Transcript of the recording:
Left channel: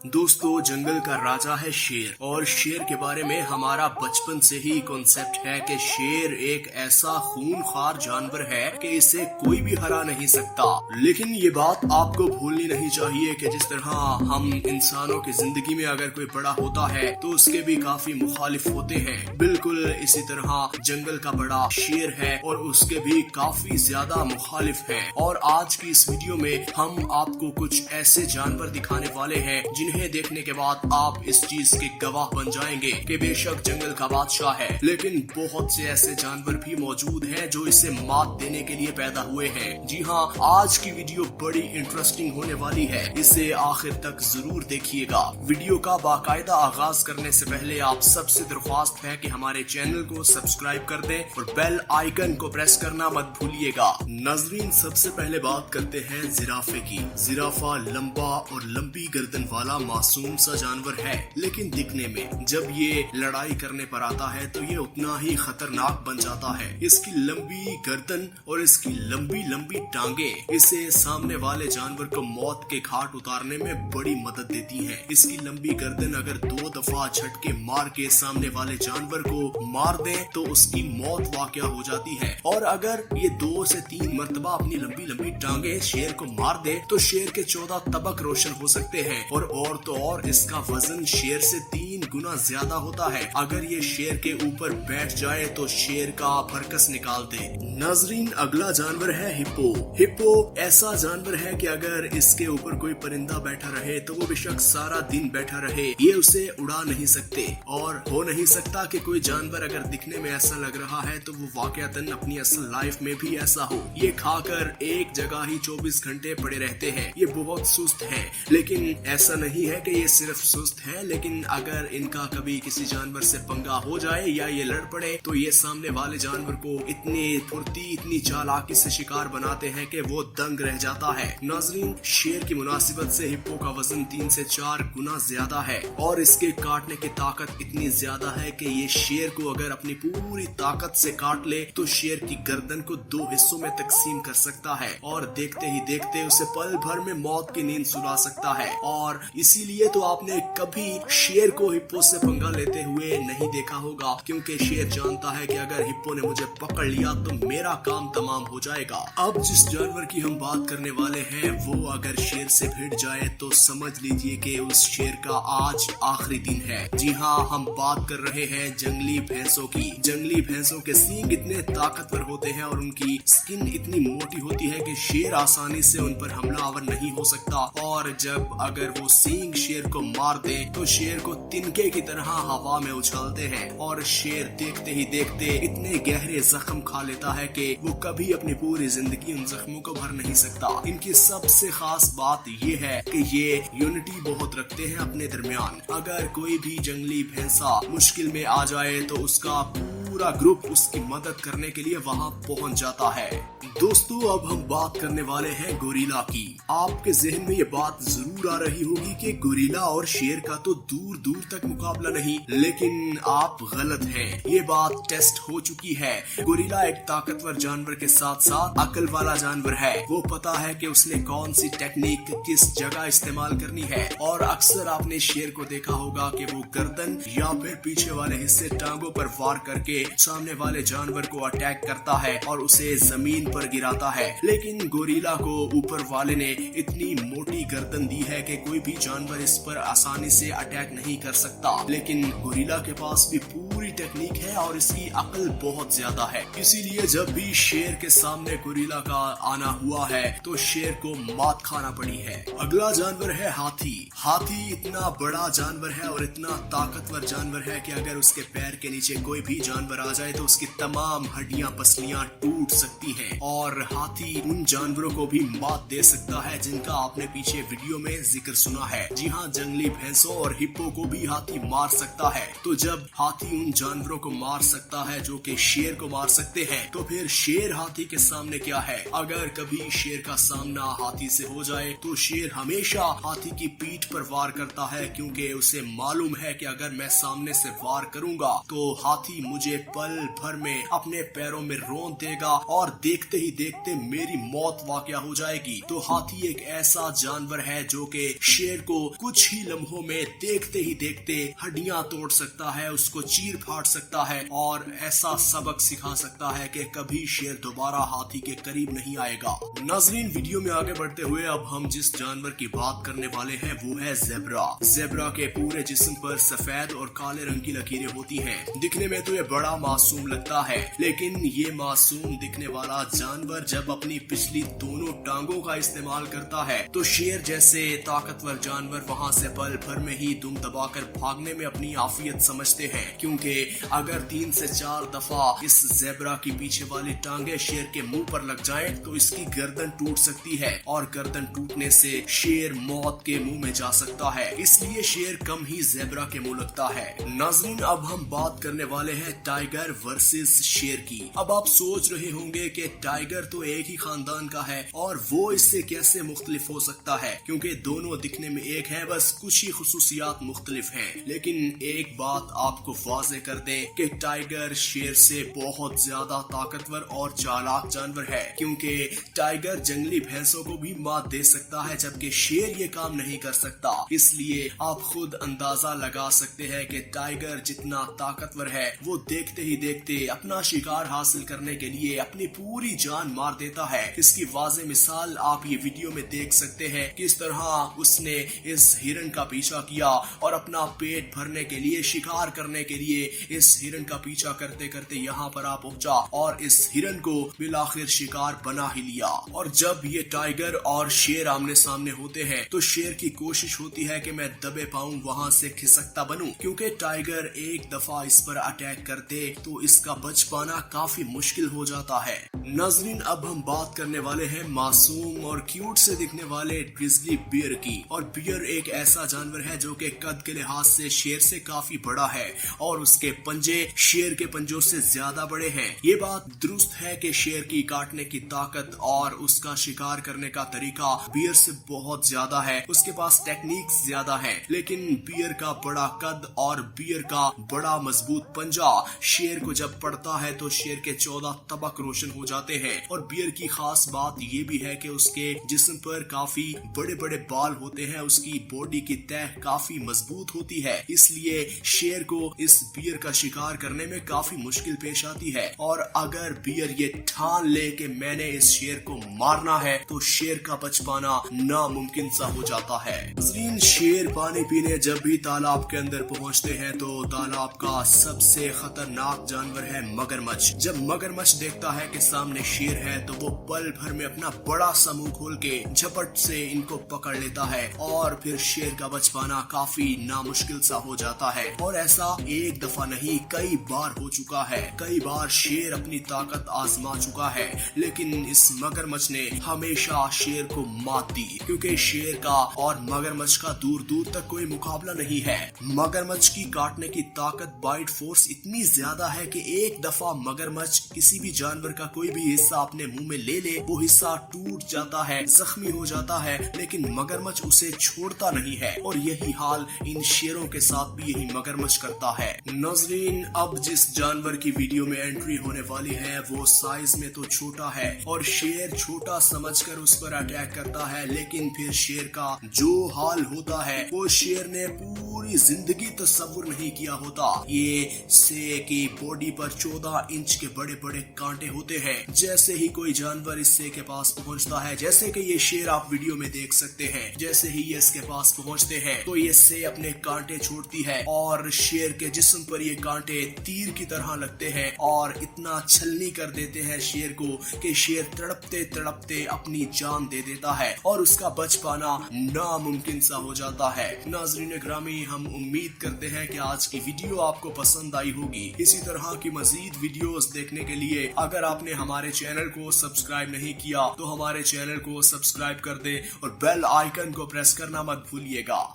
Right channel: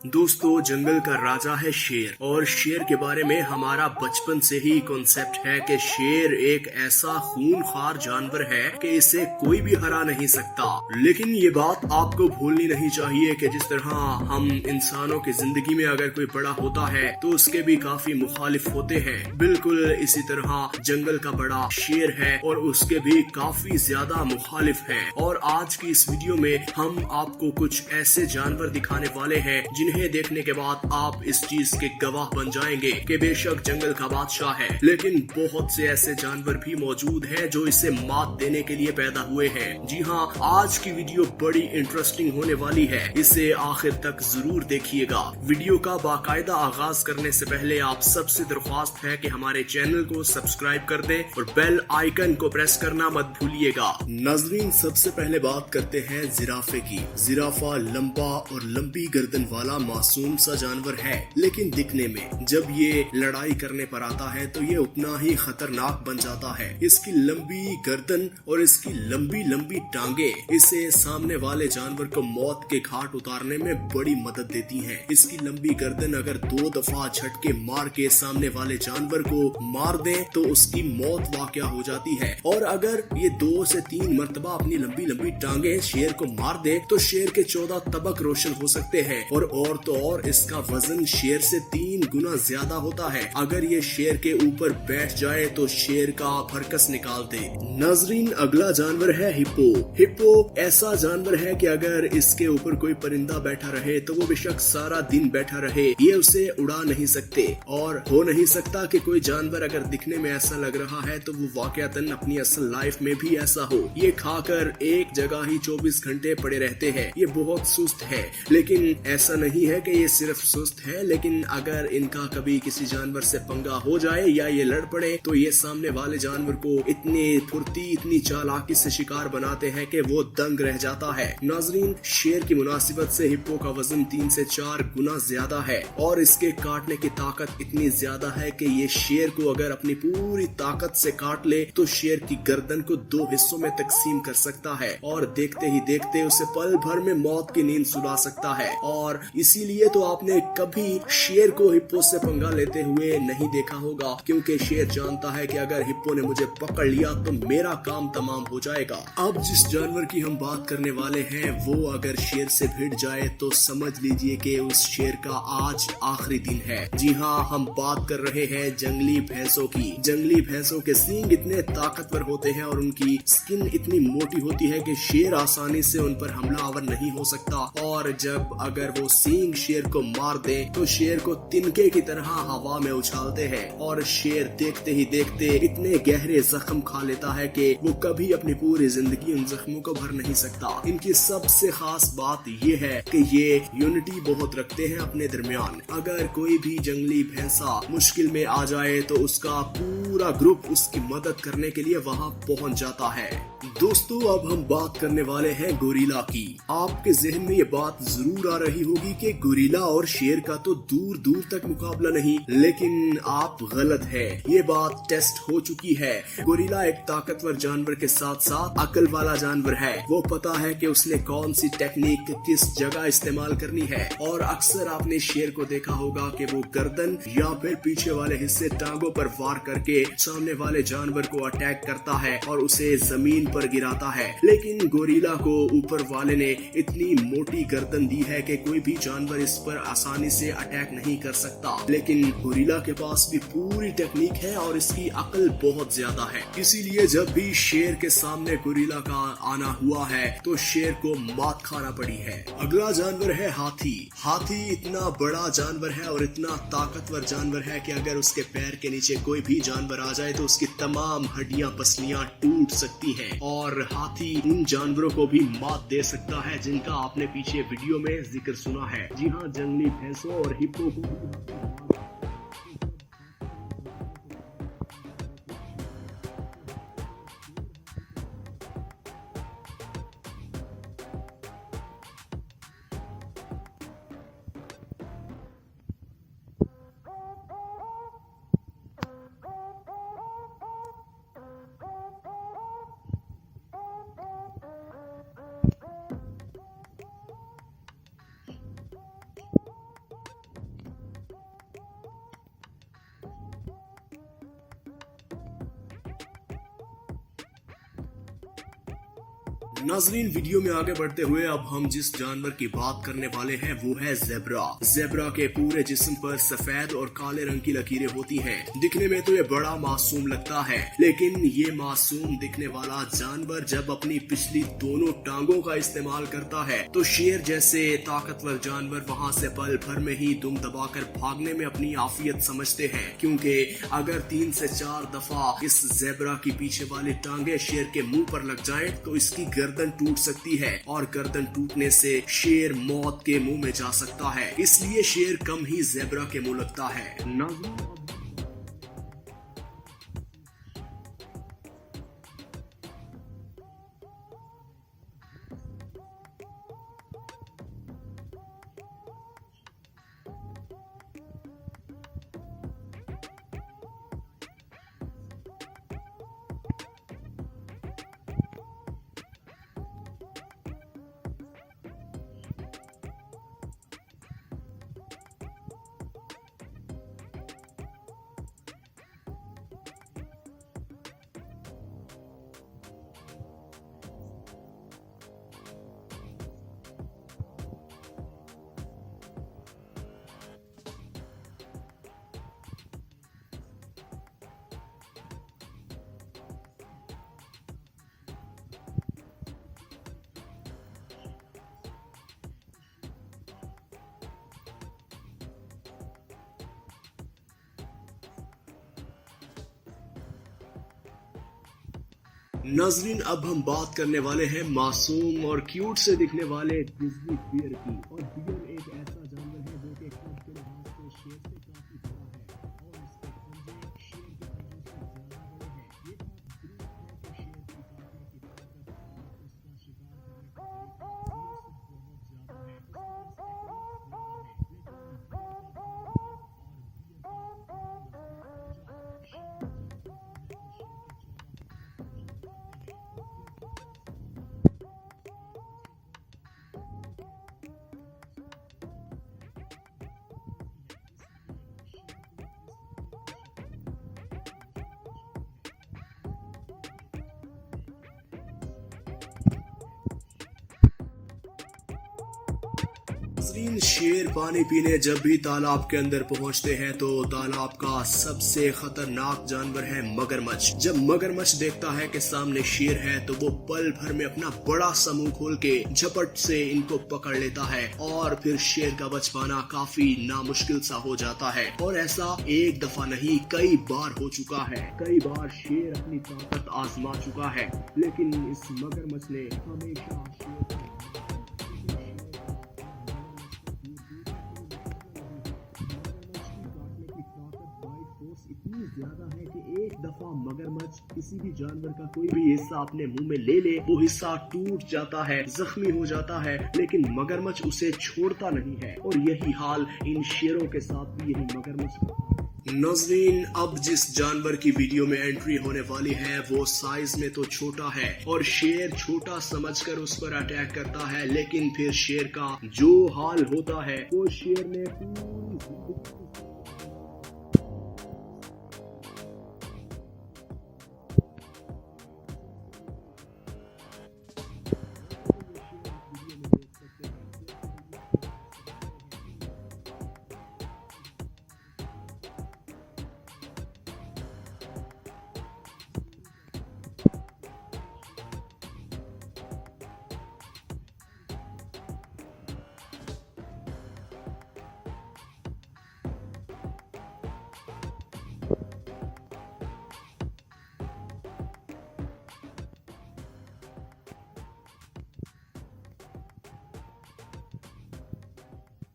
दोस्तों, जंगल का राजा है शेर और शेर के बारे में हमारा बचपन से ही कॉन्सेप्ट है कि शेर एक ऐसा खूनखार जानवर है कि इसे कोई भी हरा नहीं सकता। लेकिन ये बात आपको भूलनी नहीं चाहिए कि जिस तरह हम इंसानों की जिंदगी में अगर कोई बड़ा होता है तो उसके भी काफी मुखालिफ होते हैं। बिल्कुल इसी तरह जंगल का बड़ा शेर है और उसके भी काफी ज्यादा मुखालिफ हैं। और आज की इस वीडियो में हम आपको कुछ ऐसे जानवर दिखाने वाले हैं जिन्हें देखने के बाद आप इस चीज के गवाह बन जाएंगे कि बेशक जंगल का बादशाह है, लेकिन बहुत से ऐसे जानवर भी मौजूद हैं जो इसे मात देने के लिए पैदा हुए हैं। जी हाँ, आज की वीडियो बड़ी इंटरेस्टिंग होने वाली है, इसे आखिर तक जरूर देखिएगा। वीडियो का बाकायदा आगाज करने से पहले आप सबसे दरख्वास्त है कि हमारे चैनल को सब्सक्राइब कर दें और बेल आइकन को प्रेस करना मत भूलिएगा। नाजरीन, सबसे पहले बात करते हैं जिराफे की। जिराफा लंबा और लंबी गर्दन वाला मासूम सा जानवर है, लेकिन दिखने में जब ये लड़ाई करने पर आता है तो ये उतना ही खतरनाक बन जाता है। इसकी लंबी गर्दन और इसकी लंबी लंबी टांगे इसे सामने वाले जानवर को मौत के घाट उतारने में बड़ी मदद देती हैं। इसकी लंबी गर्दन अगर 2 दफा झटके मार के सामने वाले जानवर को मार दे तो उसकी मौत वाक़या हो जाती है, और अगर ये 2 से 3 मरतबा अपनी लंबी लंबी टांगे शेर को मार दे तो शेर के 14 तबक रोशन हो सकते हैं। और तो और इसका वजन शेर से 3 गुना ज्यादा होता है। अगर ये शेर के ऊपर बैठ जाए तो शेर का फरकस निकाल दे। नाजरीन, अगला जानवर है हिप्पो। हिप्पो ऐसा जानवर है कि अगर इसके ऊपर कोई परिंदा बैठा रहे तो वो बेशक सारा दिन बैठा रहे, ये उसे उड़ा नहीं सकते। और हो नहीं सकता कि कोई जानवर अगर दिखने में ऐसा लग रहा है तो वो वाकयातन अपनी असल लाइफ में भी ऐसा हो। ये खाकर एक जगह ही 24 घंटे पड़े रहते हैं। ये बहुत सुस्त है, लेकिन ऐसा नहीं है कि ये सिर्फ सुस्त है, लेकिन अगर इनका कभी किसी जानवर से पंगा हो जाए या ये लड़ पड़े तो ये सामने वाले जानवर को इतनी फुर्ती इतनी चालाकी से शिकार बनाते हैं कि वो दंग रह जाता है। नाजरीन, शेर की मुनासिबत से हिप्पो का वजन 3 से 4 गुना ज्यादा है और इसके काटने की ताकत इतनी ज्यादा है कि ये शेर को अगर अपनी पूरी ताकत से काट ले तो शेर की गर्दन को 2 हिस्सों में तकसीम कर सकता है और देखते ही देखते उसे पल भर में मौत की नींद सुला सकता है। और इसीलिए तो आपने कभी शेर को हिप्पो से पंगा लेते हुए नहीं देखा होगा, क्योंकि शेर जानता है कि अगर हिप्पो ने मुझे पकड़ लिया तो मेरा काम तमाम हो जाएगा। अब जिस जानवर की हम बात करने वाले हैं वो अगर शेर से भिड़ जाए तो समझ लीजिए कि उस शेर का आज आखिरी दिन है। जी हाँ, हम बात कर रहे हैं जंगली भैंसों की। जंगली भैंसों के सींग इतने ताकतवर होते हैं और उनकी स्किन इतनी मोटी होती है कि शेर आसानी से उन पर हमलावर नहीं हो सकता। और जब अगर वो सींग शेर को मार दे तो शेर को तिनके की तरह हवा में उछालते हैं और शेर देखते ही देखते इतने गहरे जख्म खा लेता है कि वो कभी अपनी पूरी जिंदगी उन जख्मों को भर नहीं सकता। इनकी सबसे खास बात ये है कि ये यूनिटी बहुत रखते हैं अपने दरमियान। अगर कोई भी जंगली भैंसा मुश्किल में आ जाए तो उसका पूरा ग्रुप उसकी मदद करने के लिए वहाँ पहुँच जाता है। दोस्तों, अब हम बात करने वाले हैं गोरिल्ला की। आपके जहन में ये बात जरूर आ रही होगी कि गोरिल्ला और शेर का तो दूर दूर तक मुकाबला नहीं, लेकिन आप गलत हैं। ये बात टेस्ट हो चुकी है। गोरिल्ला एक ताकतवर जानवर के साथ साथ अकल वाला जानवर है। वो पता है कि उसने कौन सी टेक्निक किस जगह इस्तेमाल करनी है। और अक्सर आपने शेर को देखा होगा कि वो गर्दन या फिर पीछे वाले हिस्से टांगों पर वार करके सामने वाले जानवर को अटैक करता है और उसे जमीन पर गिराता है। लेकिन गोरिल्ला को ऊपर वाले ने इतनी मोटी गर्दन दी है कि कोई भी जानवर इस पर आसानी से अटैक नहीं कर सकता। लेकिन गोरिल्ला के पास भी पूरी टेक्निक है और इसकी अकल बहुत ज्यादा है। इसीलिए जब भी शेर के सामने गोरिल्ला का आना हुआ है तो शेर को मात खाना पड़ी है। अगला जानवर है हाथी। हाथी इतना बड़ा जानवर है और इतना ताकतवर जानवर है कि अगर उसके पैर के नीचे कोई भी जानवर आ जाए तो उसकी तमाम हड्डियां पसलियां टूट सकती हैं। और हाथी उन जानवरों को भी मात दे सकता है जिनका आपने पीछे वीडियो में जिक्र सुना है। जी हाँ, जंगली भैंसों और हिप्पो को भी हाथी मार सकता है। तो जब हाथी उन जानवरों को मार सकता है जो कि शेर को मार सकते हैं, तो फिर शेर हाथी के सामने क्या है। अगर कभी शेर का सामना हाथी से हो जाए तो शेर हमेशा हाथी की पीठ पर वार करता है, क्योंकि उसे मालूम है कि अगर मैं सामने से वार करूंगा तो हाथी मुझे पल भर में अपने पैरों में रौंद देगा और देखते ही देखते मेरी मौत वाक़या हो जाएगी। तो हाथी एक ऐसा जानवर है जो कि शेर को कुछ ही लम्हों में देखते ही देखते हड्डियां तोड़ सकता है, उसको चीर फाड़ सकता है और ऐसा सबक सिखा सकता है कि कभी शेर दोबारा हाथी के करीब नहीं आएगा। नाज़रीन, वीडियो में आगे बढ़ते हुए अब हम जिस जानवर की बात करने वाले हैं वो है ज़ेब्रा। ज़ेब्रा के पूरे जिस्म पर सफेद और काले रंग की लकीरें होती हैं। दिखने में तो ये बड़ा मासूम लगता है, लेकिन ये मासूम दिखने वाला जानवर जब अपनी पिछली दोनों टांगों का इस्तेमाल करता है तो शेर जैसे ताकतवर जानवर वहाँ से पल भर में ही दुम दबाकर भागने में अपनी आफियत समझते हैं, क्योंकि अगर 3 से 4 दफा इस ज़ेब्रा की पीछे वाली टांगे शेर के मुंह पर लग जाएं तो इसकी गर्दन टूट सकती है और गर्दन टूटने से शेर मौत के मुंह में जा सकता है। इसलिए शेर कम ही ज़ेब्रा के मुंह लगता है। नाज़रीन, अब हम बात करने वाले हैं टाइगर वर्सेस शेर की। अब आप सोच रहे होंगे कि टाइगर तो एक ही खानदान का है और वो इससे कैसे मुख्तलिफ हो सकता है, क्योंकि दोनों दिखने में एक है, बस कुछ ही खुसूसियात मुख्तलिफ हैं। लेकिन एक बात आपको वाज़ेह कर दें कि टाइगर शेर से बहुत ज्यादा ताकतवर और चालाक जानवर है, क्योंकि टाइगर जंगली भैंसों को भी मात दे सकता है जबकि शेर ये काम नहीं कर सकता। इसलिए आप खुद अंदाजा लगा सकते हैं कि टाइगर जितना ताकतवर है वो देखते ही देखते अपना शिकार हासिल करने के लिए अपनी पूरी जान मार देता है। इसकी वाज़ेह मिसाल आप ये वीडियो में देख सकते हैं किस तरह उसने इस हिरन का पीछा किया और अपना पेट भरने के लिए, शिकार करने के लिए इस हिरन का पीछा करते करते यहाँ पर आ पहुंचा और इस हिरन को बिलाखिर शिकार बना ही लिया। और जब ये टाइगर और शेर आमने सामने होते हैं तो शेर की कोशिश होती है कि मैं दबे पाऊं, वहां से खिसकता बनूं, क्योंकि टाइगर एक दफा इस पर अटैक करते तो इसका बच पाना काफी मुश्किल हो जाता है। नाज़रीन, अब हम बात करने वाले हैं मासूम और क्यूट से दिखने वाले ग्रिजली बियर की। और बियर एक ऐसा जानवर है जो कि कद के लिहाज से शेर से काफी बड़ा है और उसके पंजे शेर के पंजों से ज्यादा बड़े हैं। ये बात दुरुस्त है कि शेर की काटने की ताकत और उसका शिकार करने का तरीका बियर से बहुत ज्यादा है, उसके पास टेक्निक ज्यादा है, लेकिन बियर का बड़ा कद और बियर का बड़ा मजबूत पंजा शेर को जब पड़ता है तो शेर के 14 तबक रोशन हो जाते हैं। और बियर की खास बात ये भी है कि उसके जिस्म पर काफी बड़े बड़े बाल होते हैं, उसकी बॉडी की तह काफी मजबूत होती है, इसलिए शेर को इस बियर का शिकार करने में काफी मुश्किल पेश आती है। और अगर बियर ये ठान ले कि मैंने इस शेर को मारना है तो शेर का बच पाना नामुमकिन सा हो जाता है। नाज़रीन, शेर पानी पीने जब भी तालाब के अंदर पहुंचते हैं तो तालाब का सबसे खतरनाक जानवर है मगरमच्छ। जब मगरमच्छ देखता है कि सामने शेर है तो वो पल भर में अपना बड़ा सा मुंह खोल के झपट से इनको पकड़ लेता है और फिर शेर का बच पाना काफी नामुश्किल सा हो जाता है। और ऐसा एक दफा नहीं, कई बार हो चुका है। कई बार शेर अपनी ताकत आजमा चुका है, लेकिन इस मगरमच्छ ने हमेशा शेर को मात दी, क्योंकि शेर का और मगरमच्छ का दूर दूर तक कोई मुकाबला नहीं है। मगरमच्छ की काटने की ताकत, बाइट फोर्स इतनी ज्यादा है कि एक दफा मगरमच्छ किसी भी जानवर का कोई भी हिस्सा अपने मुंह में ले ले, वो हिस्सा टूट जाता है, जख्मी हो जाता है, लेकिन मगरमच्छ उसे छोड़ता नहीं है। और यही हाल इन शेरों के साथ भी यही मगरमच्छ करता है। नाज़रीन, अब जिस जानवर की वीडियो में एंट्री होने वाली है वो साइज में तो छोटा है और शेर छोटा समझकर उस पर अटैक करता है, लेकिन फिर शेर का जो हाल होता है वो शेर ने पूरी जिंदगी तस्वुर नहीं किया होता। ये से की बॉडी पर 14 इंच के बड़े बड़े कांटे होते हैं। जैसे ही कोई जानवर इस से के पास पहुंचता है, जैसे कि ये शेर आप वीडियो में देख सकते हैं, जैसे ही ये इसके पास पहुंचते हैं तो ये से अपने कांटे छोड़ती है और शेर के जिस्म पर ये कांटे तीर की तरह लगते हैं और इतना छलनी कर देते हैं शेर को कि शेर तड़पते तड़पते अपनी जान दे देता है और उसका बच पाना नामुमकिन सा हो जाता है। नाज़रीन ग्रामी, हम उम्मीद करते हैं कि आज की वीडियो आपको पसंद आई होगी। इसी तरह की मजीद वीडियोस देखने के लिए अगर आपने हमारे चैनल को सब्सक्राइब नहीं किया तो हमारे चैनल को सब्सक्राइब कर दे और बेल आइकन को प्रेस करना मत भूलिएगा।